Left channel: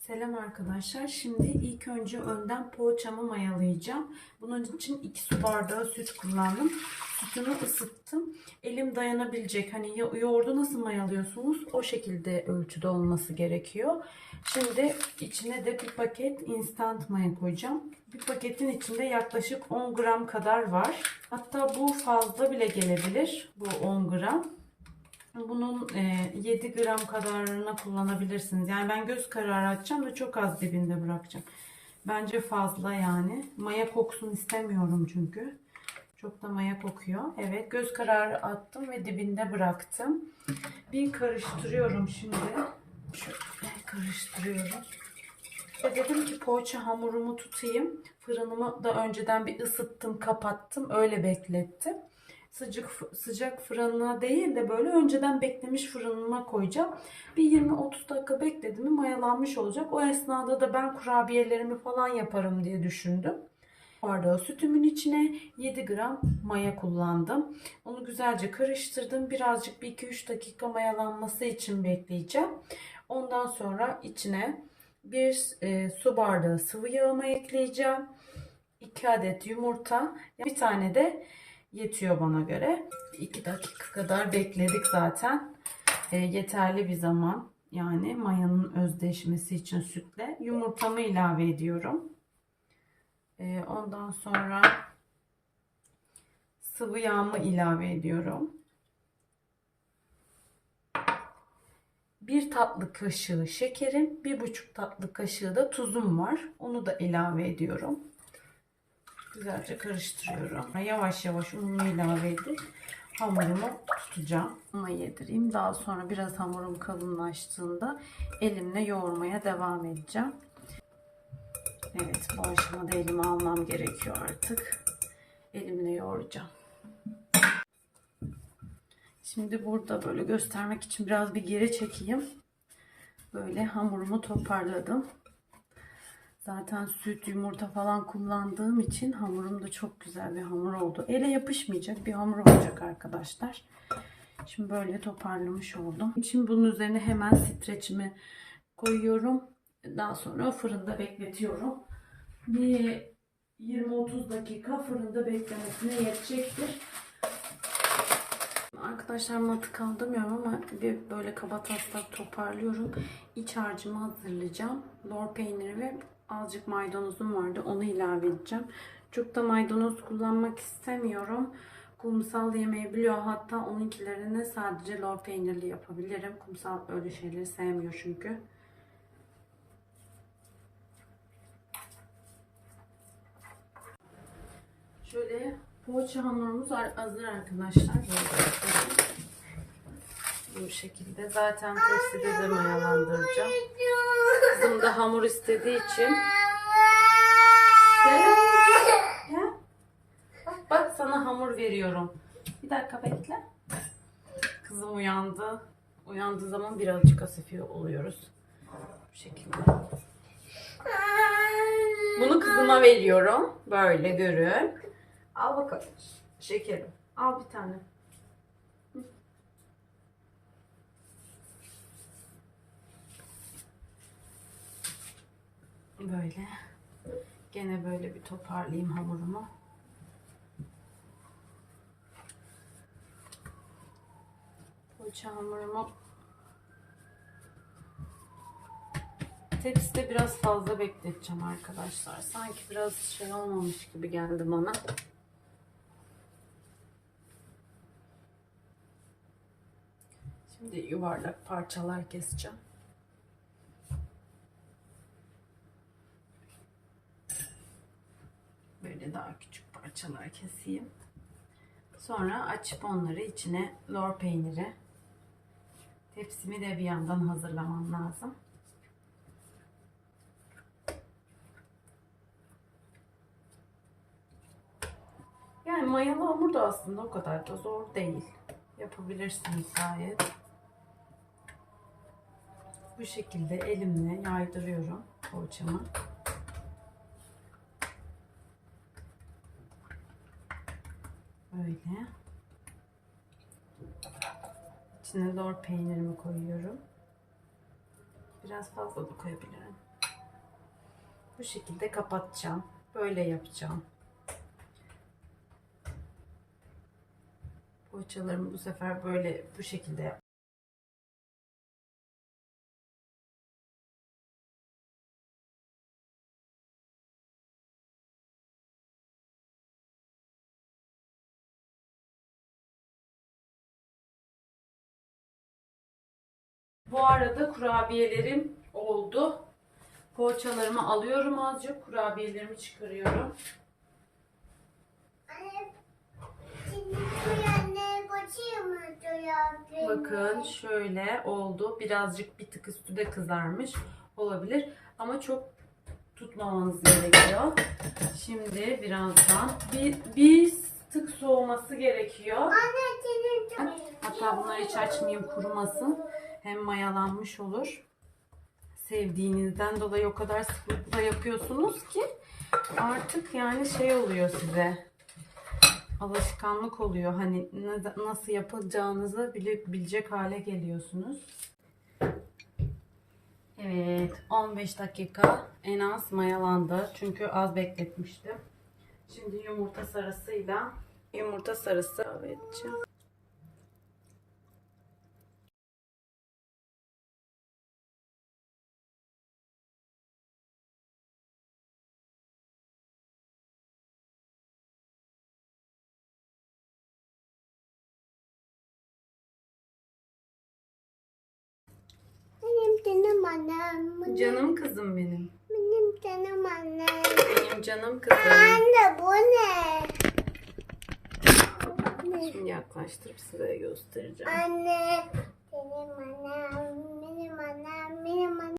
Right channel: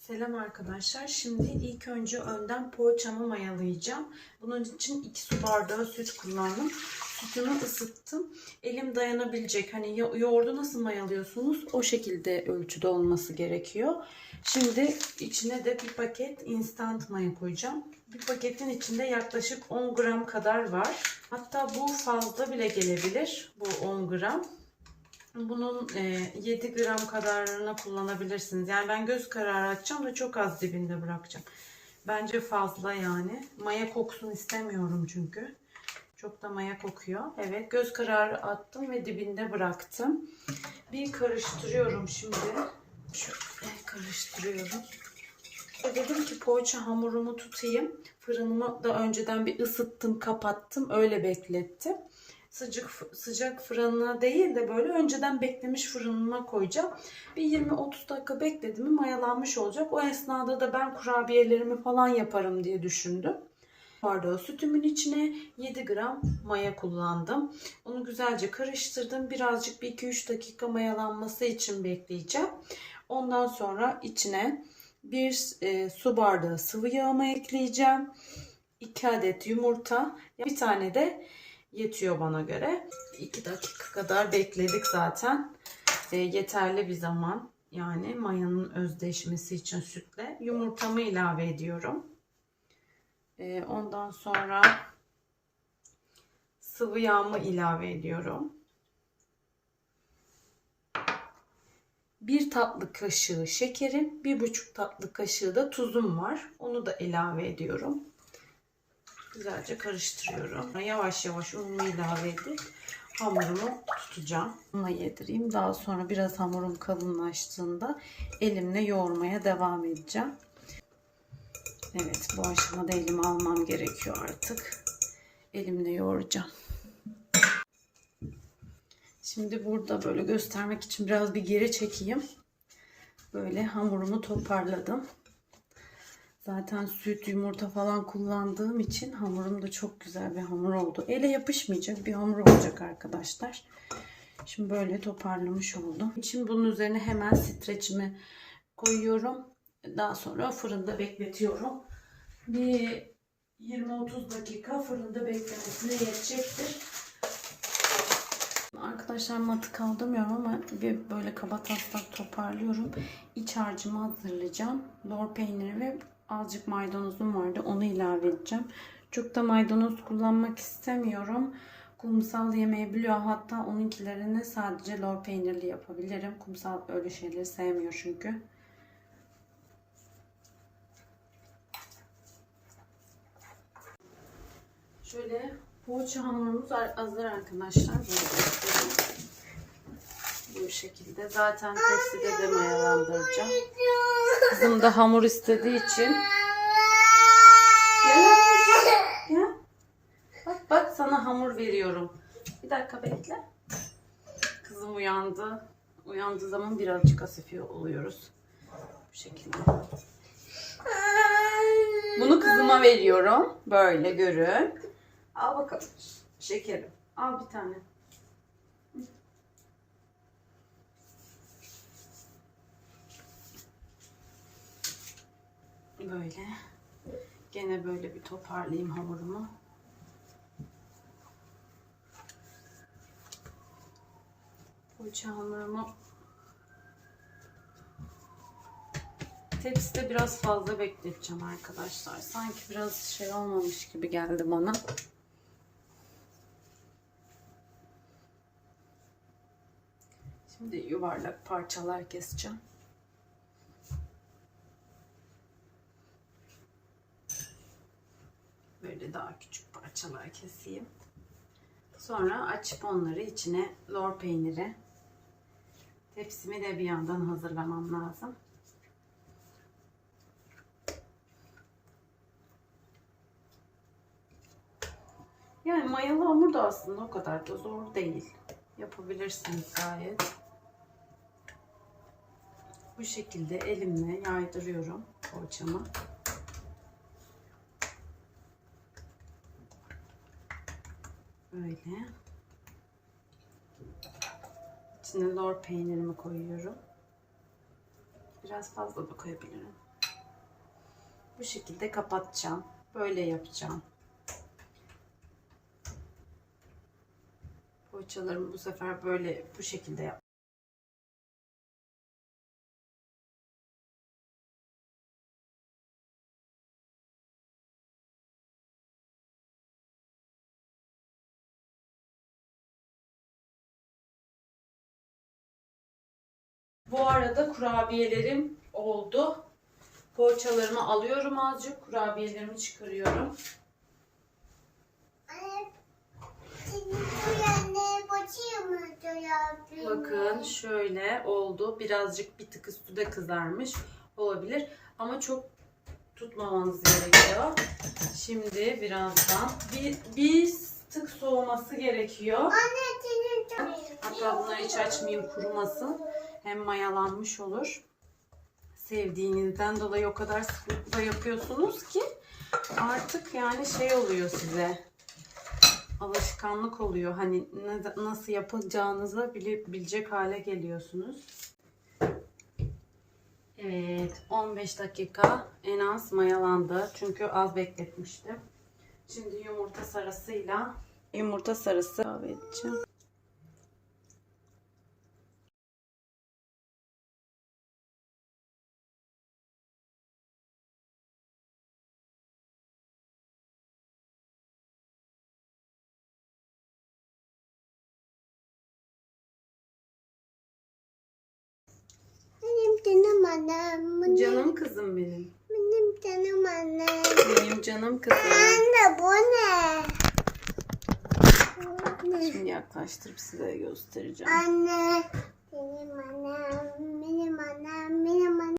Selam arkadaşlar. Şimdi ilk önce önden poğaçamı mayalayacağım. Bunun için 2 su bardağı süt kullandım. Sütünü ısıttım. Elim dayanabilecek. Hani yo- yoğurdu nasıl mayalıyorsunuz? O şekilde ölçüde olması gerekiyor. Şimdi içine de bir paket instant maya koyacağım. Bir paketin içinde yaklaşık 10 gram kadar var. Hatta bu fazla bile gelebilir. Bu 10 gram. Bunun e, 7 gram kadarını kullanabilirsiniz. Yani ben göz kararı açacağım da çok az dibinde bırakacağım. Bence fazla yani. Maya koksun istemiyorum çünkü. Çok da maya kokuyor. Evet göz kararı attım ve dibinde bıraktım. Bir karıştırıyorum şimdi. Şöyle karıştırıyorum. Ve Dedim ki poğaça hamurumu tutayım. Fırınımı da önceden bir ısıttım, kapattım. Öyle beklettim sıcak sıcak fırına değil de böyle önceden beklemiş fırınıma koyacağım. Bir 20-30 dakika bekledim mi mayalanmış olacak. O esnada da ben kurabiyelerimi falan yaparım diye düşündüm. Bardağı sütümün içine 7 gram maya kullandım. Onu güzelce karıştırdım. Birazcık bir 2-3 dakika mayalanması için bekleyeceğim. Ondan sonra içine bir e, su bardağı sıvı yağımı ekleyeceğim. 2 adet yumurta, bir tane de yetiyor bana göre. 2 dakika kadar bekledik zaten. E, yeterli bir zaman. Yani mayanın özdeşmesi için sütle. Yumurtamı ilave ediyorum. E, ondan sonra sıvı yağımı ilave ediyorum. Bir tatlı kaşığı şekerim, bir buçuk tatlı kaşığı da tuzum var. Onu da ilave ediyorum. Güzelce karıştırıyorum. Yavaş yavaş unumu ilave edip hamurumu tutacağım. Unla yedireyim. Daha sonra biraz hamurum kalınlaştığında elimle yoğurmaya devam edeceğim. Evet bu aşamada elime almam gerekiyor artık. Elimle yoğuracağım. Şimdi burada böyle göstermek için biraz bir geri çekeyim. Böyle hamurumu toparladım. Zaten süt, yumurta falan kullandığım için hamurum da çok güzel bir hamur oldu. Ele yapışmayacak bir hamur olacak arkadaşlar. Şimdi böyle toparlamış oldum. Şimdi bunun üzerine hemen streçimi koyuyorum. Daha sonra fırında bekletiyorum. Bir 20-30 dakika fırında beklemesine yetecektir. Arkadaşlar matı kaldırmıyorum ama bir böyle kaba taslak toparlıyorum. İç harcımı hazırlayacağım. Lor peyniri ve azıcık maydanozum vardı. Onu ilave edeceğim. Çok da maydanoz kullanmak istemiyorum. Kumsal yemeği biliyor. Hatta onunkilerini sadece lor peynirli yapabilirim. Kumsal öyle şeyleri sevmiyor çünkü. Şöyle poğaça hamurumuz hazır arkadaşlar. Bu şekilde. Zaten tepside de mayalandıracağım. Kızım da hamur istediği için. Gel. Gel. Bak bak sana hamur veriyorum. Bir dakika bekle. Kızım uyandı. Uyandığı zaman birazcık hasifiye oluyoruz. Bu şekilde. Bunu kızıma veriyorum. Böyle görün. Al bakalım. Şekerim. Al bir tane. Böyle. Gene böyle bir toparlayayım hamurumu. Poğaça hamurumu tepside biraz fazla bekleteceğim arkadaşlar. Sanki biraz şey olmamış gibi geldi bana. Şimdi yuvarlak parçalar keseceğim. Böyle daha küçük parçalar keseyim. Sonra açıp onları içine lor peyniri, tepsimi de bir yandan hazırlamam lazım. Yani mayalı hamur da aslında o kadar da zor değil. Yapabilirsiniz gayet. Bu şekilde elimle yaydırıyorum poğaçamı. Böyle. İçine lor peynirimi koyuyorum. Biraz fazla da koyabilirim. Bu şekilde kapatacağım. Böyle yapacağım. Poğaçalarımı bu sefer böyle bu şekilde yap. Bu arada kurabiyelerim oldu. Poğaçalarımı alıyorum azıcık. Kurabiyelerimi çıkarıyorum. Bakın şöyle oldu. Birazcık bir tık üstü de kızarmış olabilir. Ama çok tutmamanız gerekiyor. Şimdi birazdan bir, bir tık soğuması gerekiyor. Anne Hatta bunları hiç açmayayım kurumasın. Hem mayalanmış olur. Sevdiğinizden dolayı o kadar sıklıkla yapıyorsunuz ki artık yani şey oluyor size. Alışkanlık oluyor. Hani nasıl yapacağınızı bile, bilecek hale geliyorsunuz. Evet 15 dakika en az mayalandı. Çünkü az bekletmiştim. Şimdi yumurta sarısıyla yumurta sarısı ilave edeceğim. Canım annem. Benim, Canım kızım benim. benim canım annem. Benim canım kızım. Anne bu ne? Şimdi yaklaştırıp size göstereceğim. Anne. Benim annem.